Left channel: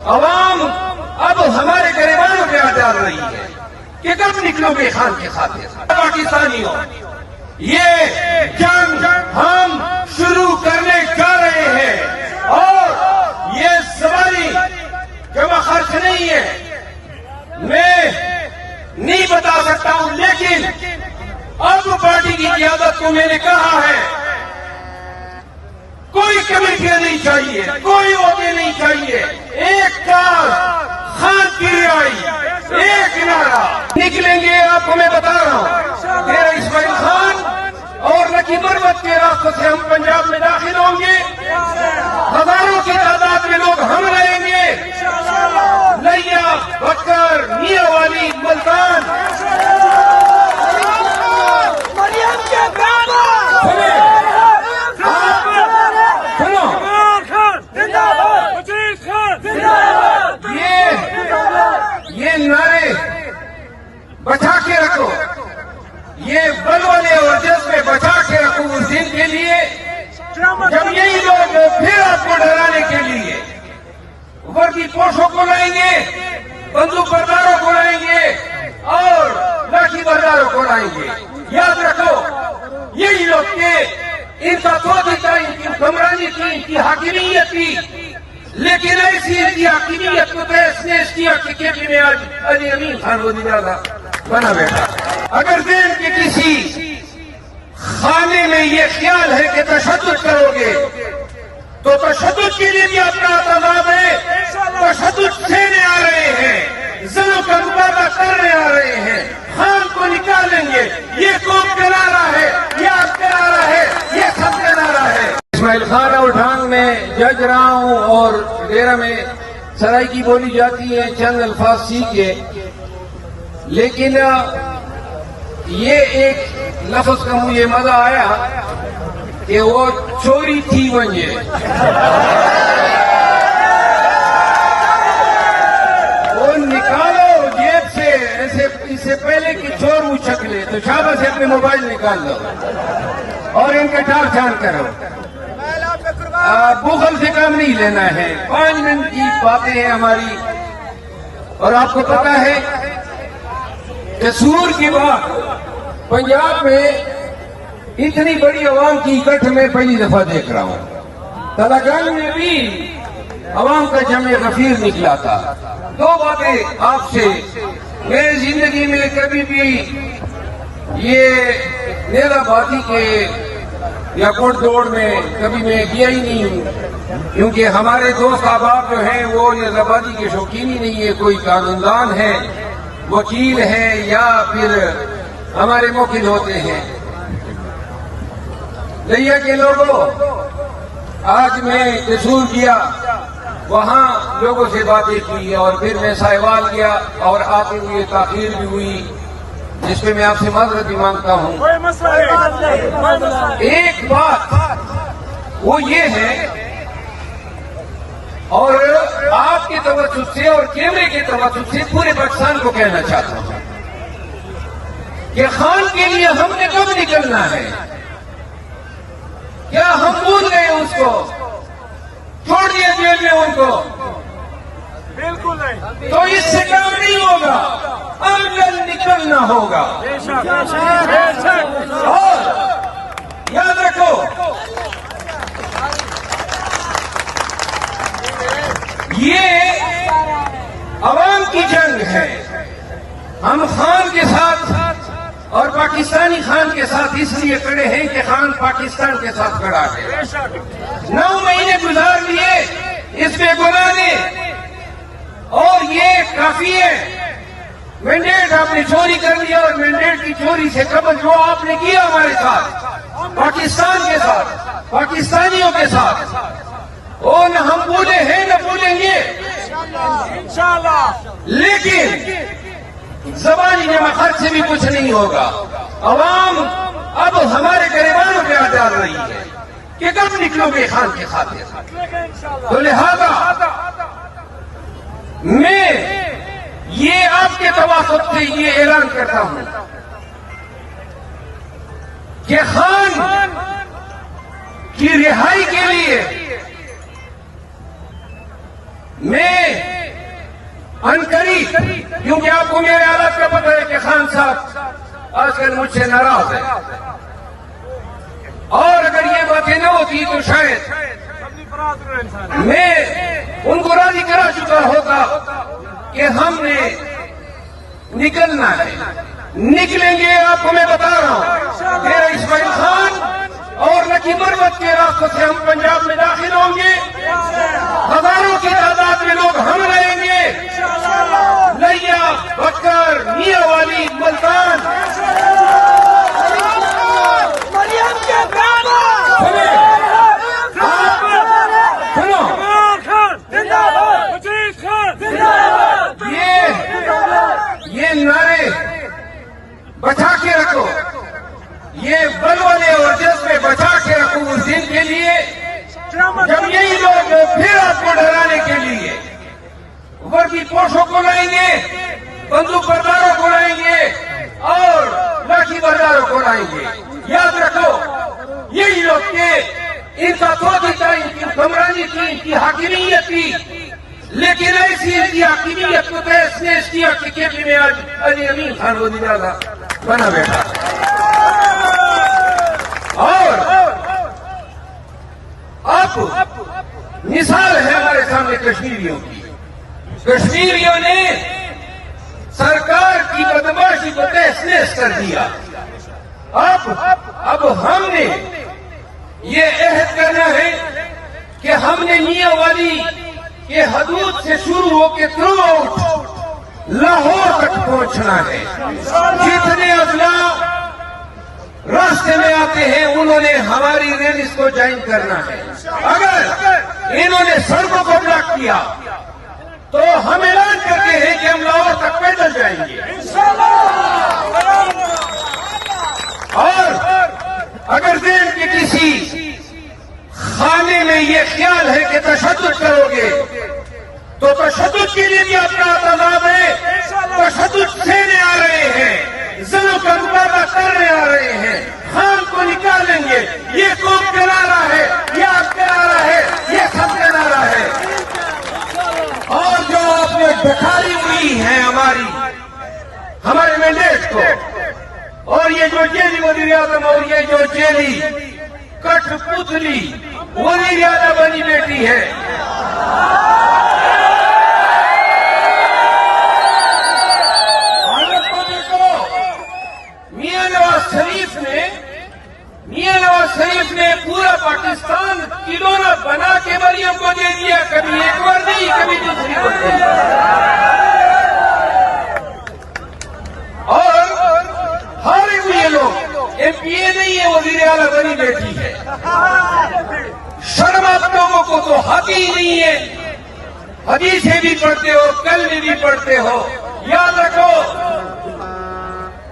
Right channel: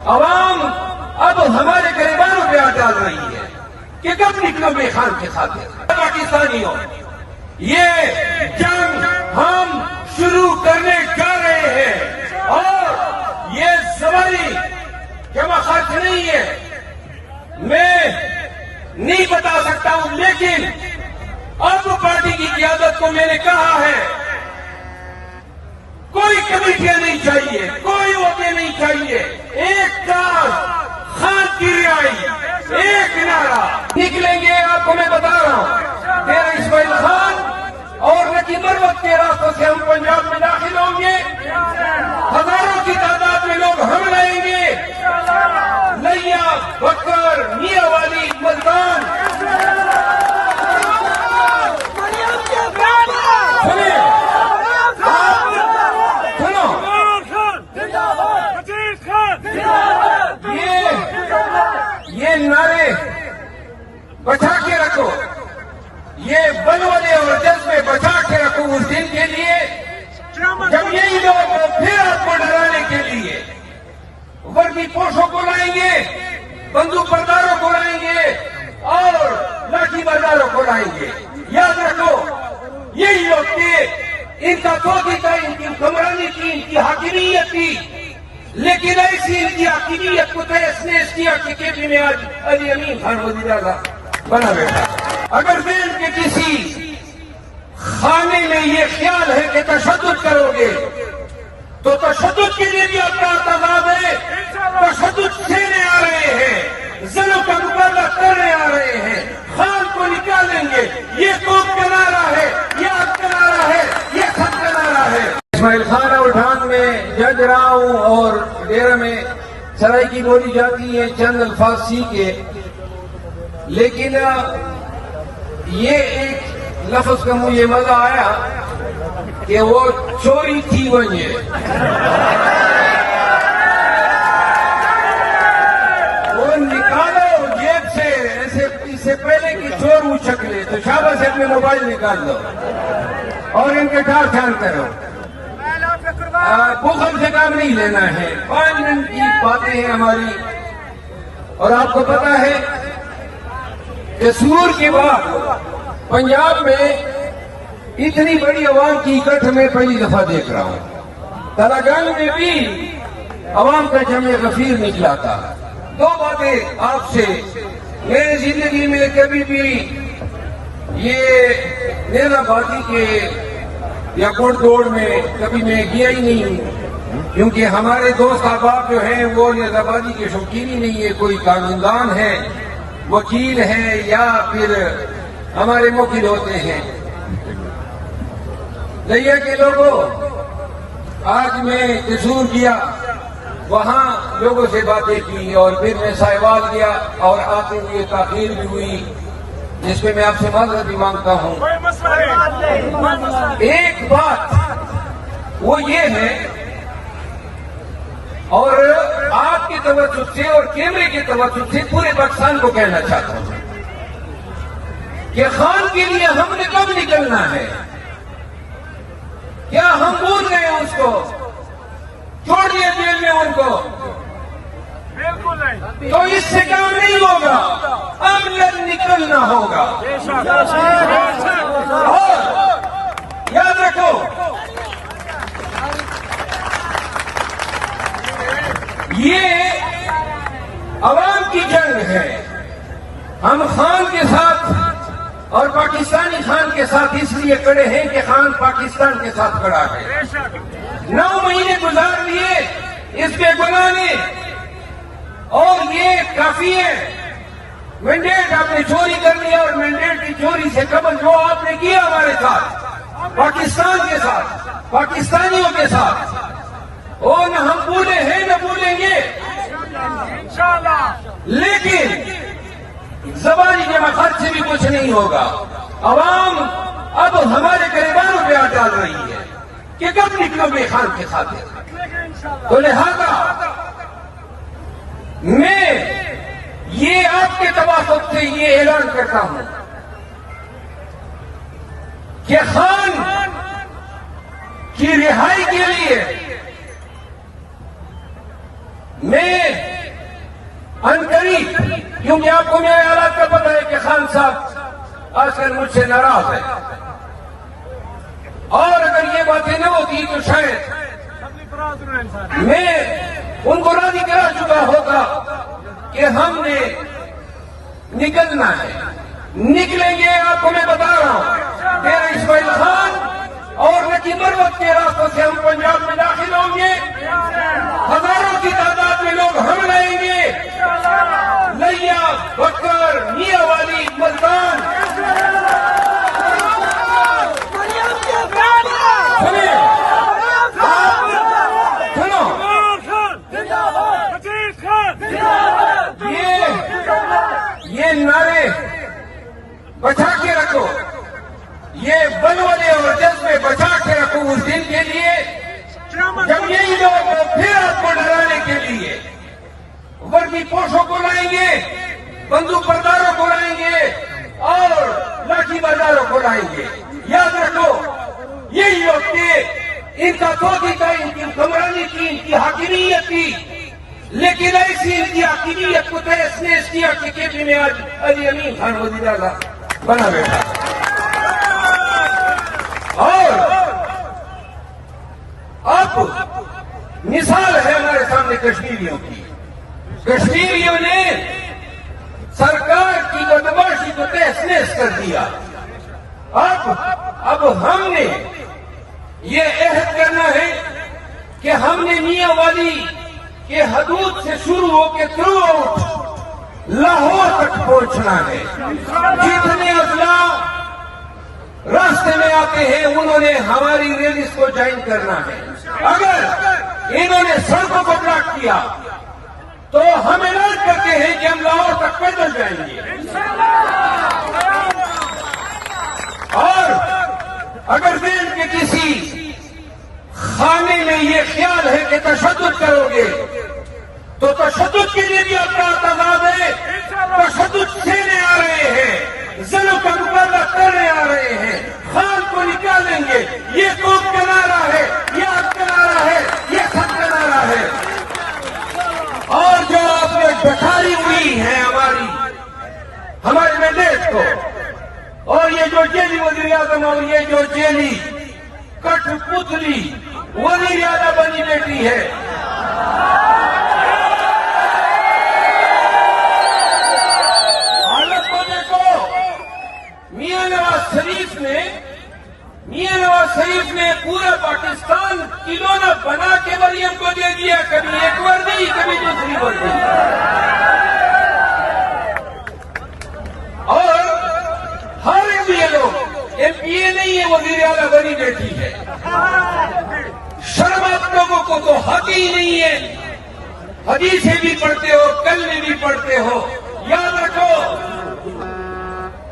عوام اب ہمارے گریبانوں پہ ہاتھ ڈال رہی ہے کہ کب نکلو گے خان کے خاطر. پاکستانیوں، یہ جنگ ہم شروع کرنے جا رہے ہیں اور یہ زبانی جمع خرچ نہیں ہے. میں نہیں بتا سکتا ہوں، لیکن اب پارٹی کی قیادت کو میں نے کہا ہے کوئی کمیٹیاں نہیں چاہیے، کوئی عہدے نہیں چاہیے. ایک کار خان کی رہائی، ایک نعرہ نکلیں گے. آپ کو میں بتا رہا ہوں، میرا اسماعیل خان اور نقیب مرمت کے راستوں سے ہم پنجاب میں داخل ہوں گے. ہزاروں کی تعداد میں لوگ ہم رہیں گے. لیا، بکر، میاں والی، ملتان، یہ نعرے بچا کے رکھو، یہ بلبلے اور جذبے بچا کے رکھو اس دن کے لیے جب یہی لوگ پھر آپ کو ڈرانے کے لیے وردی پوشوں کو لائیں گے، بندوق برداروں کو لائیں گے اور لاٹھی برداروں کو لائیں گے. یاد رکھو، یہی لوگ تھے. ان کا سوچی تھا، ان کی حکمرانی کی، ان کی حاکمیت کی، لیکن ایسی ان کی حاکمیت کو تحس نحس کیا کہ کیپی میں آج علی امین خان وزیر اعلیٰ بنا بیٹھا. اگر دین کے کسی خانے میں یہ خیال ہے کہ تشدد کرو گے تو تشدد کے لیے بھی اپنا اعتماد ہے. تشدد سہنے آ رہے ہیں، ظلم کا مقابلہ کرنے آ رہے ہیں. خان کو نکالیں گے. یہ قوم کا نعرہ ہے، یہ آپ کا نعرہ ہے، یہ سب کا نعرہ ہے. اسماعیل خان راؤلٹان میں جج رہا ہوں اور ڈیرہ میں سرائکی بولی جاتی ہے چند الفاظ سیکھے، لیکن یہ ایک لفظ کا مجھے مزہ آیا کہ وہ چوری تھی بنجے. وہ نکالو جیب سے، ایسے اس سے پہلے کہ چور اچک لے تو شاباش سے اپنے موبائل نکال دو اور ان کے ٹھان ٹھان کرو. بخل سے کام نہیں لینا ہے. پارلیمنٹ کی باتیں ہیں ہماری، اور آپ کو پتا ہے کہ سور کے بعد پنجاب میں اتنی بڑی عوام کی اکٹھ میں پہلی دفعہ دیکھ رہا ہوں. تلاگنگ میں بھی عوام کا جمع غفیر نکلا تھا. دو باتیں آپ سے، میری زندگی میں کبھی بھی یہ نیلا باتی کے یا کوٹ دوڑ میں کبھی میں گیا ہی نہیں ہوں، کیونکہ ہمارے دوست احباب جو ہیں وہ نیلا بازی کے شوقین ہی نہیں ہے. کوئی قانون ہے، وکیل ہے، یا پھر ہمارے موکل ہوتے ہیں. لیا کے لوگوں، آج میں قصور کیا، وہاں لوگوں سے باتیں کی اور پھر میں سائیوال کیا اور آتے ہوئے تاخیر بھی ہوئی، جس پہ میں آپ سے معذرت بھی مانگتا ہوں. ایک بات وہ یہ ہے، اور آپ کے توجہ سے اور کیمرے کے توجہ سے پورے پاکستان کو کہنا چاہتا ہوں کہ خان کے لیے ہم نے کب نکلنا ہے. کیا ہم بھول گئے اس کو؟ چھوڑ دیا جیل میں ان کو؟ بالکل نہیں. تو اس سے کام نہیں ہوگا، اب نکلنا ہوگا. یاد رکھو، یہ عوام کی جنگ ہے. ہم خان کے ساتھ اور پاکستانی خان کے ساتھ اس لیے کھڑے ہیں کہ خان پاکستان کے ساتھ کھڑا ہے. 9 مہینے گزار لیے اس پہ بنانے، اور یہ کافی ہے. مینڈیٹ آپ نے چوری کر لیا، اور مینڈیٹ کی چوری سے قبل جو آپ نے کیا ہمارے ساتھ، پاکستان کے ساتھ، پاکستانیوں کے ساتھ، وہ نہ ہم بھولے ہیں نہ بھولیں گے انشاءاللہ. لیکن زبانی جمع خرچ سے بھی کچھ نہیں ہوگا. عوام اب ہمارے گریبانوں پہ ہاتھ ڈال رہی ہے کہ کب نکلو گے خان کے خاطر. تو لہذا میں یہ آپ کے توافق سے یہ اعلان کرتا ہوں کہ خان کی رہائی کے لیے میں انقریب، کیونکہ آپ کو میرے حالات کا پتہ ہے کہ خان صاحب آج کل مجھ سے ناراض ہے، اور اگر یہ باتیں نہ ہوتی تو شاید میں ان کو راضی کرا چکا ہوگا کہ ہم نے نکلنا ہے، نکلیں گے۔ آپ کو میں بتا رہا ہوں، میرا اسماعیل خان اور نکی مرمت کے راستوں سے ہم پنجاب میں داخل ہوں گے، ہزاروں کی تعداد میں لوگ ہم لائیں گے، لیا، بکر، میاں والی، ملتان، یہ نعرے بچا کے رکھو، یہ بلبلے اور جذبے بچا کے رکھو اس دن کے لیے جب یہی لوگ پھر آپ کو ڈرانے کے لیے وردی پوشوں کو لائیں گے، بندوق برداروں کو لائیں گے اور لاٹھی برداروں کو لائیں گے۔ یاد رکھو، یہی لوگ تھے، ان کا سوچی تھا، ان کی حکمرانی تھی، ان کی حاکمیت تھی، لیکن ایسی ان کی حاکمیت کو تحس نحس کیا کہ کیپی میں آج علی امین خان وزیر اعلیٰ بنا بیٹھا۔ اور اب مثال ہے ہمارے سامنے کشمیریوں کی، کشمیریوں نے سرکار کی بدماشی کو تحس نحس کر دیا۔ اب ہم نے یہ عہد کرنا ہے کہ ہم نے میاں والی کے حدود سے شروع ہو کے تھرو آؤٹ لاہور تک پہنچنا ہے۔ جتنے اضلاع راستے میں آتے ہیں انہوں نے ہماری ریلیز کو جوائن کرنا ہے۔ اگر انہوں نے سڑکوں کو بلاک کیا تو ہم اعلان کرتے ہیں کہ ہم لاہور تک پیدل جائیں گے، اور اگر دین کے کسی خانے میں یہ خیال ہے کہ تشدد کرو گے تو تشدد کے لیے بھی اپنا اعتماد ہے، تشدد سہنے آ رہے ہیں، ضلعوں کا مقابلہ کرنے آ رہے ہیں، خان کو نکالیں گے۔ یہ قوم کا نعرہ ہے، یہ آپ کا نعرہ ہے، یہ سب کا نعرہ ہے۔ اور جو آپ نے دکھائی ہوئی ہے ہمارے مینڈیٹ کو، اور یہ جو جیلی وزیر اعظم اور یہ جو جیلی کٹ پتلی وزیر اعظم بنی بیٹی ہے، میاں نواز شریف نے پورا پاکستان کلونا بنا کے مریم کو دے دیا، کبھی ایک وردی کبھی دوسری وردی، اور ہارے ہوئے لوگ ایم پی اے نہیں ہے، وزیر اعلیٰ بنی بیٹی ہے۔ شرم آپ لوگوں کو تو حق ہی نہیں ہے، حدیثیں بھی پڑھتے ہو، کلمے بھی پڑھتے ہو۔ یاد رکھو،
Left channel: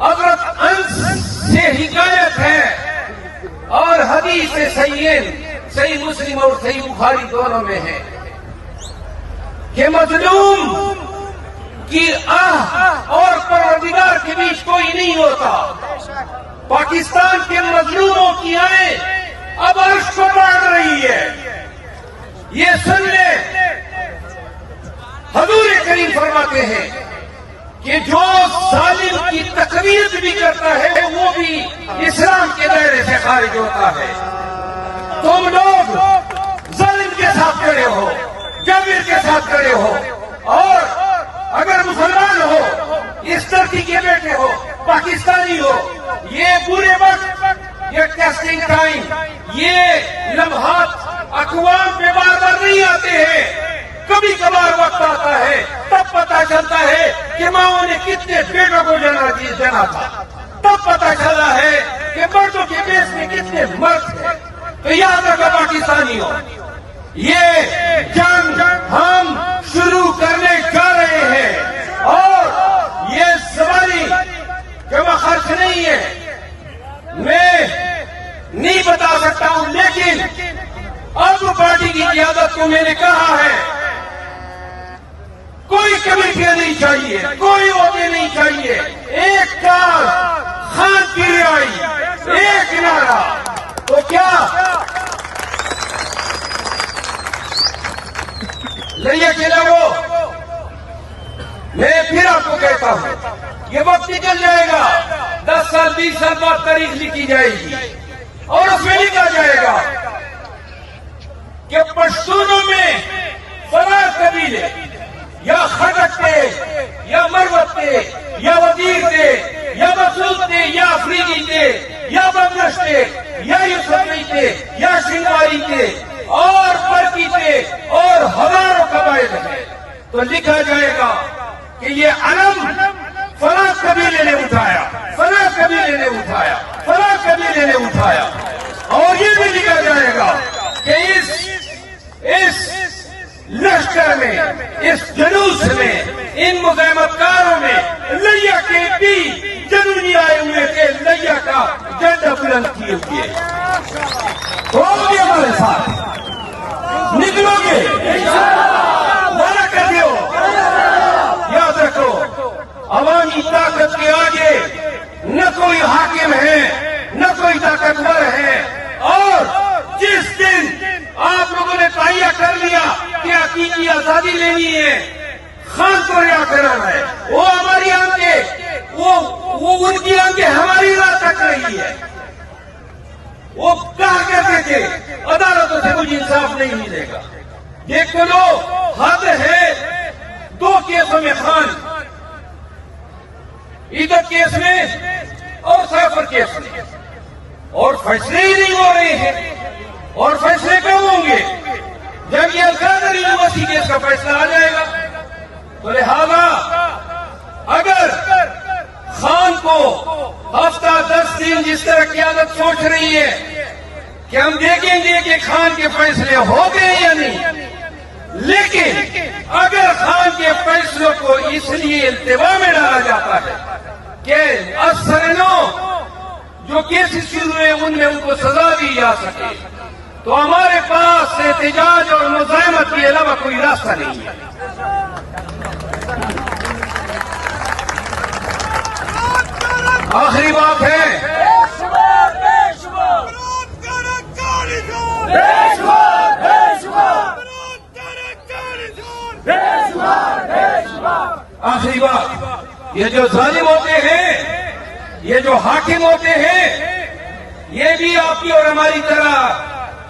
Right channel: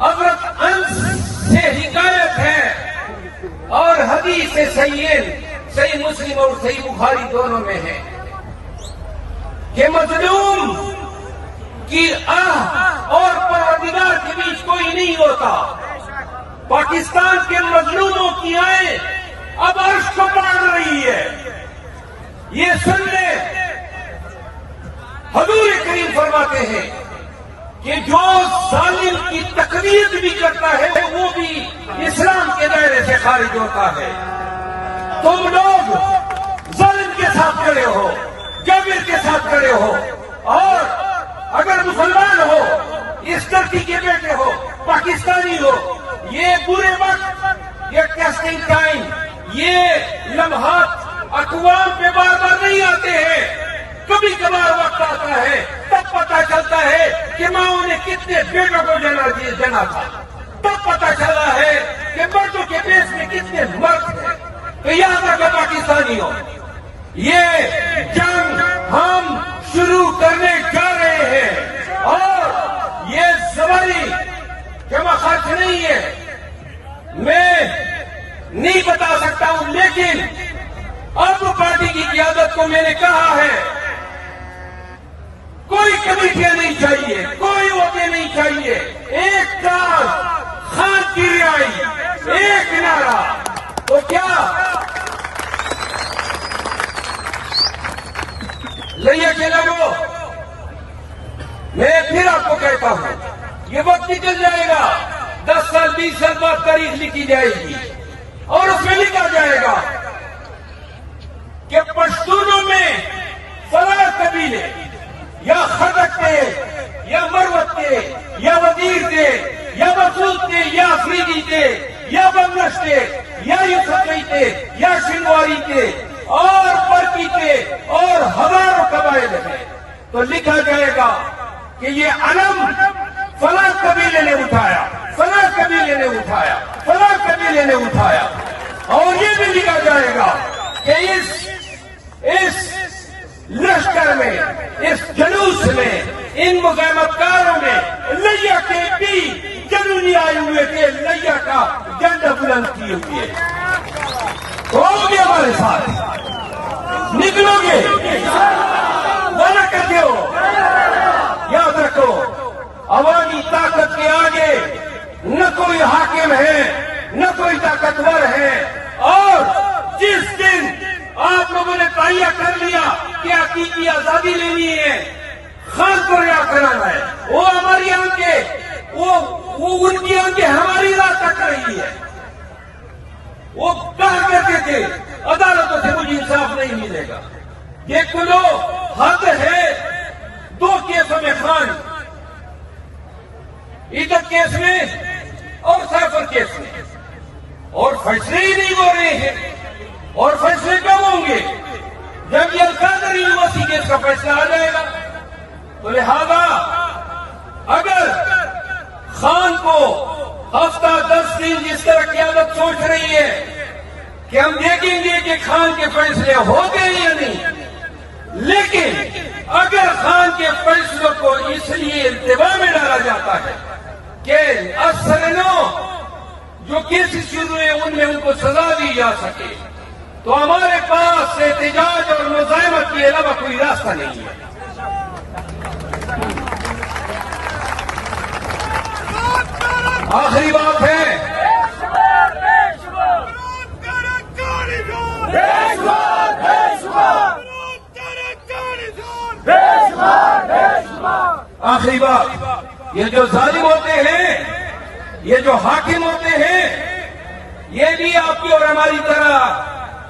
حضرت انس سے حکایت ہے اور حدیث صحیح مسلم اور صحیح بخاری دونوں میں ہے کہ مظلوم کی آہ اور پروردگار کے بیچ کوئی نہیں ہوتا۔ پاکستان کے مظلوموں کی آہیں اب عرش کو پاڑ رہی ہے۔ یہ سن لے، حضور کریم فرماتے ہیں کہ جو ظالم کی تقریر بھی کرتا ہے وہ بھی اسلام کے دائرے سے خارج ہوتا ہے۔ تم لوگ ظالم کے ساتھ کھڑے ہو، جابر کے ساتھ کھڑے ہو، اور اگر مسلمان ہو، اس دھرتی کے بیٹے ہو، پاکستانی ہو، یہ برے وقت، یہ ٹیسٹنگ ٹائم، یہ لمحات اقوام پہ بار بار نہیں آتے ہیں، کبھی کبھار وقت آتا ہے، تب پتہ چلتا ہے کہ ماں نے کتنے بیٹوں کو جنا تھا، تب پتہ چلا ہے کہ مردوں کے بیس میں کتنے مرد ہیں۔ تو یاد رکھو پاکستانیوں، یہ جنگ ہم شروع کرنے جا رہے ہیں، اور یہ زبانی جمع خرچ نہیں ہے، میں نہیں بتا سکتا ہوں، لیکن اب پارٹی کی قیادت کو میں نے کہا ہے کوئی کمیٹیاں نہیں چاہیے، کوئی عہدے نہیں چاہیے، ایک کار خان کی رہائی، ایک نعرہ۔ تو کیا لئیے کہ لوگوں، میں پھر آپ کو کہتا ہوں، یہ وقت نکل جائے گا، 10 سال 20 سال بعد تاریخ لکھی جائے گی اور اس میں لکھا جائے گا کہ پشتونوں میں فلاں قبیلے یا خٹک تھے یا مروت تھے یا وزیر تھے یا مسعود تھے یا افریدی تھے یا بنگش تھے یا یوسفی تھے یا شنواری تھے اور برقی تھے اور ہزاروں قبائل ہیں، تو لکھا جائے گا کہ یہ علم فلاں قبیلے نے اٹھایا، فلاں قبیلے نے اٹھایا، فلاں قبیلے نے اٹھایا، اور یہ بھی لکھا جائے گا کہ اس لشکر میں، اس جلوس میں، ان مزاحمت کاروں نے لیا کے بھی جنونی آئے ہوئے کے لیا کا جھنڈا بلند کیے ہوگے ہمارے ساتھ، نکلو گے، وعدہ کر دو، یاد رکھو عوامی طاقت کے آگے نہ کوئی حاکم ہے نہ کوئی طاقتور ہے، اور جس دن آپ لوگوں نے تہیہ کر لیا کہ حقیقی آزادی لینی ہے، خان کو رہا کرنا ہے، وہ ہماری آنکھیں، وہ ان کی آنکھیں ہماری راہ تک رہی ہے، وہ کہا کرتے تھے عدالتوں سے مجھے انصاف نہیں ملے گا، دیکھ لو حد ہے، 2 کیسوں میں خان، عیدت کیس میں اور سافر کیس میں، اور فیصلے ہی نہیں ہو رہے ہیں، اور فیصلے کب ہوں گے؟ جب یہ القادر یونیورسٹی کیس کا فیصلہ آ جائے گا، تو لہذا اگر خان کو ہفتہ 10 دن جس طرح قیادت سوچ رہی ہے کہ ہم دیکھیں گے کہ خان کے فیصلے ہو گئے یا نہیں، لیکن اگر خان کے فیصلوں کو اس لیے التوا میں ڈالا جاتا ہے کہ افسرانوں جو کیسز شروع ہے ان میں ان کو سزا دی جا سکے، تو ہمارے پاس احتجاج اور مزاحمت کے علاوہ کوئی راستہ نہیں ہے۔ آخری بات ہے، آخری بات، یہ جو ظالم ہوتے ہیں، یہ جو حاکم ہوتے ہیں، یہ بھی آپ کی اور ہماری طرح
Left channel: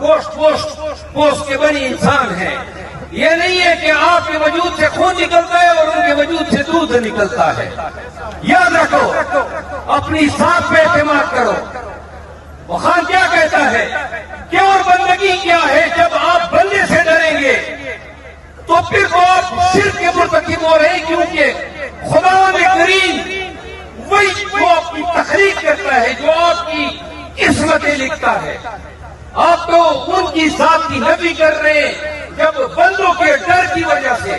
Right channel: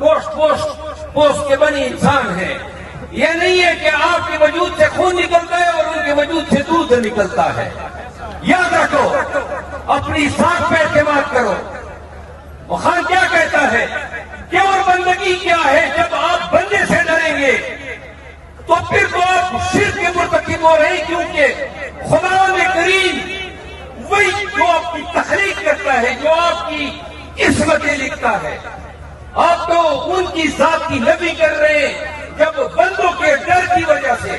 گوشت پوست کے بڑی انسان ہیں۔ یہ نہیں ہے کہ آپ کے وجود سے خون نکلتا ہے اور ان کے وجود سے دودھ نکلتا ہے۔ یاد رکھو، اپنی سانس پہ اعتماد کرو۔ خان کیا کہتا ہے کہ اور بندگی کیا ہے؟ جب آپ بندے سے ڈریں گے تو پھر تو آپ شرک کے مرتکب ہو رہے ہیں، کیونکہ خدا میں کریم وہی جو آپ کی تخلیق کرتا ہے، جو آپ کی قسمتیں لکھتا ہے، آپ تو ان کی ذات کی نفی کر رہے ہیں۔ جب بندوں کے ڈر کی وجہ سے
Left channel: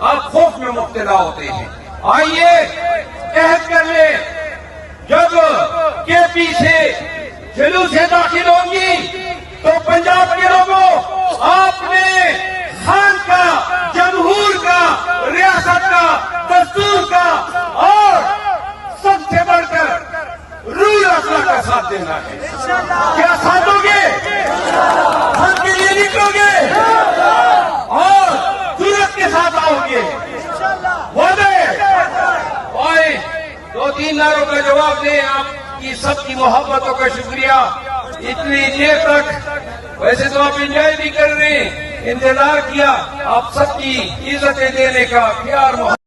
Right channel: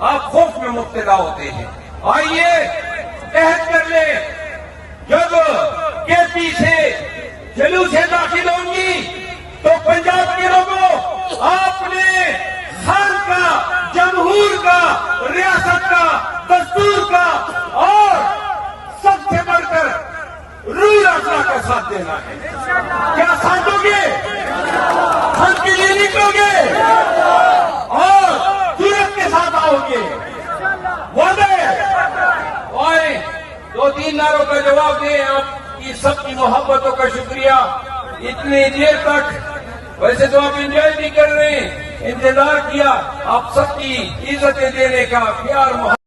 آپ خوف میں مبتلا ہوتے ہیں، آئیے عہد کر لیں، جب کے پی سے جلوسیں داخل ہوں گی تو پنجاب کے لوگوں، آپ نے خان کا، جمہور کا، ریاست کا، دستور کا اور سب سے بڑھ کر رول اللہ کا ساتھ دینا ہے۔ کیا ساتھ دو گے؟ خود کے لیے نکلو گے اور جرأت کے ساتھ آؤ گے؟ وعدے آئے 2-3 نعروں کا جواب دیں۔ آپ کی سب کی محبتوں کا شکریہ۔ اتنی دیر تک ویسے تو آپ انجوائے بھی کر رہے ہیں، انتظار کیا آپ سب کی عزتیں دینے کا، پیار محبت